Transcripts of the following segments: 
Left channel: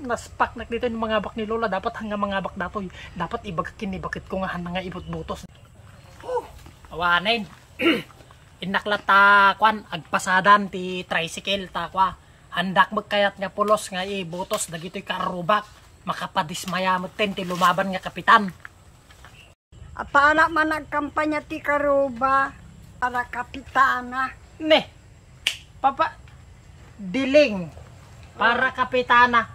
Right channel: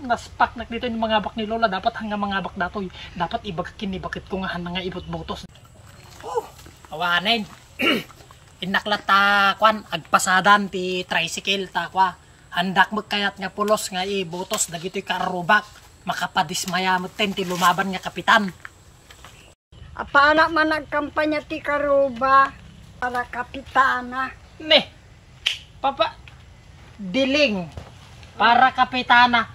Naspak na dito yung mga bak ni Lola. Dapat hanga mga bak datoy. Dapat ibagakin ni bakit ko nga nga ibot butos. Awanin. Inaklat ta kwan agpasadan ti tricycle ta kwa. Handak magkayat nga pulos nga ibutos dagitoy karubak. Makapadismaya mo ten ti lumaban nga kapitan. Apana man nagkampanya ti karuba para kapitana. Ne. Papa diling para kapitana.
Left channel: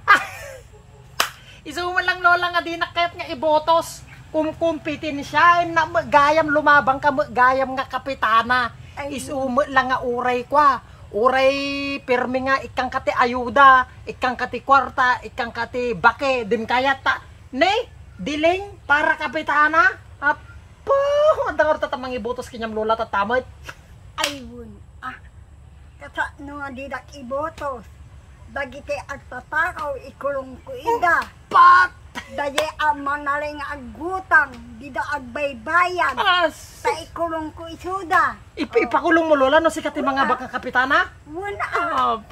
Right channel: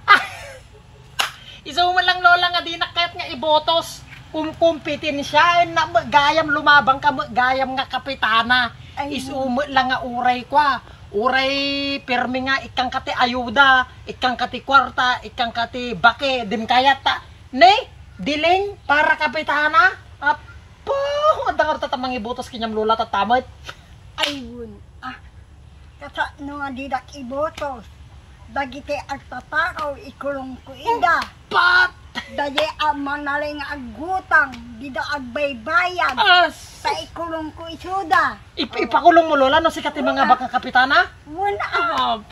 Isa mo lang Lola nga di nakayat nga ibotos. Kumpitin siya na gayam lumabang ka gayam nga kapitana. Isumo lang nga uray kwa. Uray pirmi nga ikang kati ayuda, ikang kati kwarta, ikang kati bake, dim kayat ta. Ne, diling para kapitana. Apo, andang tatamang ibotos kanyang Lola tatamay. Ayun. Kasa no nga didak ibotos. Dagiti agtatakaw ikulong ko ida. Pat! Daye ang manaling agutang, dida agbaybayan. Sa ikulong ko isuda. Ipakulong mo Lola no si kati mga baka kapitana? Wala.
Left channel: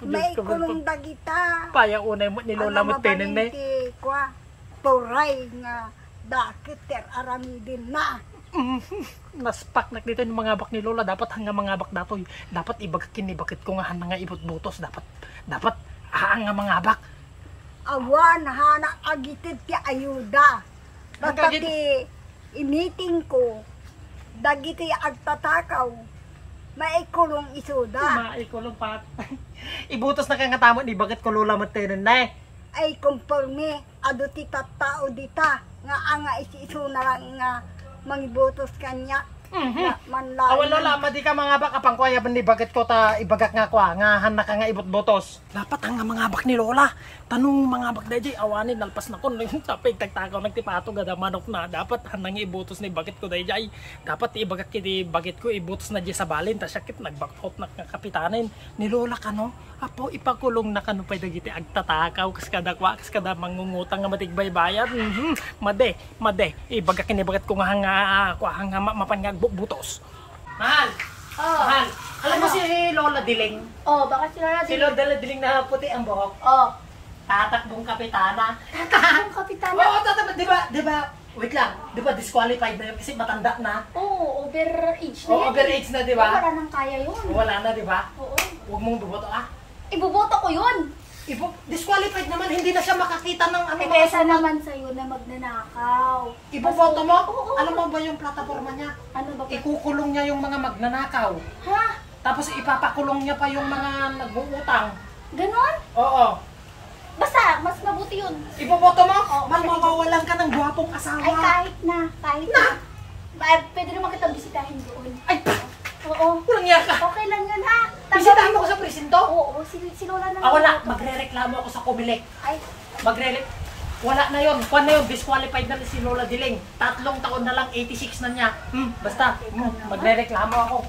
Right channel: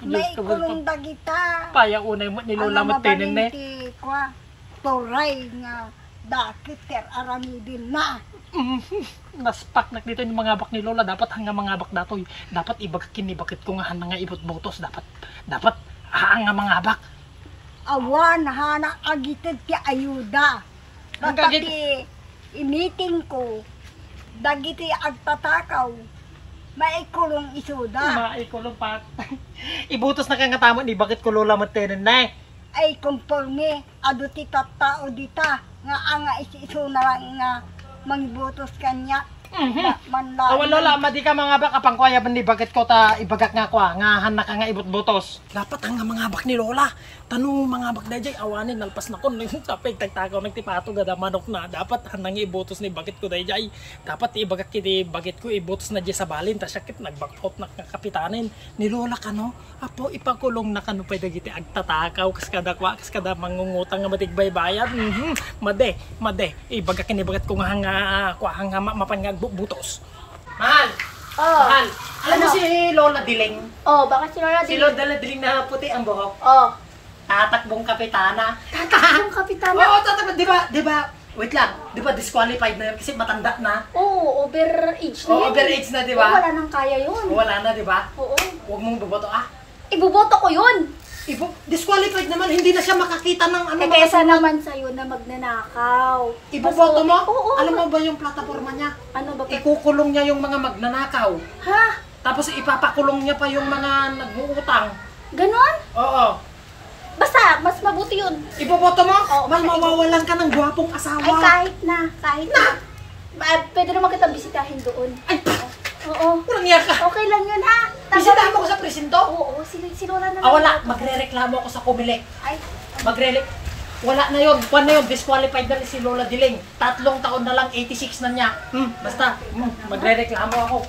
May ikulong dagita. Paya unay mo ni Lola mo tenen ne. Kwa turay nga dakit ter aramidin na. Naspak na dito yung mga bak ni Lola. Dapat hanga mga bak datoy. Dapat ibagakin ni bakit ko nga nga ibot butos. Dapat hanga mga bak. Awan hana agitid ti ayuda. Basta ti imiting ko dagiti agtatakaw maikulong isuda. Maikulong pat. Ibutos na ka nga tama ni bakit ko Lola mo tenen na. Ay conforme adu ti tattao dita nga anga isu na lang nga mangibutos kanya. Awan Lola, madi ka mga bak apang kuya ni bakit ko ta ibagak nga kwa nga hanak ka nga ibot butos. Dapat ang mga bak ni Lola. Tanong mga bak dayjay awanin nalpas na kon tapig tagtakaw nagtipato gada manok na. Dapat hanang ibutos ni bakit ko dayjay. Dapat ibagak kiti bakit ko ibutos na di sa balin ta sakit nagbakot na kapitanin ni Lola kano. Apo ipakulong na kano pwede giti agtatakaw kas kada kwa kas kada mangungutang nga matigbaybayan. Made ibagak ni bakit ko nga kwa hanga mapan nga butos. Mahal. Mahal. Alam mo si Lola Diling? Bakit si Lola Diling? Si Lola Diling na puti ang buhok. Tatakbong kapitana. Tatakbong kapitana? Oo, tatakbong. Di ba, wait lang. Di ba disqualified na yun kasi matanda na? Oo, overage na. Oo, overage na, di ba? Wala nang kaya yun. Wala na, di ba? Oo. Huwag mong buboto Ibuboto ko yun. Disqualified naman, hindi na siya makakita ng ano. Kaysa naman sa'yo na magnanakaw. Ibuboto mo? Oo. Alam mo ba yung plataforma niya? Ano ba? Ikukulong niya yung mga magnanakaw. Ha? Tapos ipapakulong niya pa yung mga nag-uutang. Ganon? Oo. Basta, mas mabuti yun. Iboboto mo? Oo, Mal, mawawalan ka ng gwapong asawa. Ay, kahit na. Pwede naman kitang bisitahin doon. Ay, oo. walang niya ka. Okay lang yun, ha? Bisitahin mo ko sa presinto? Oo, sinura na lang. Wala. Magre-reklamo ako sa Comelec. Ay, Wala na yun. Kwan na yun. Disqualified na si Lola Diling. 3 taon na lang, 86 na niya. Basta, magre-reklamo ako.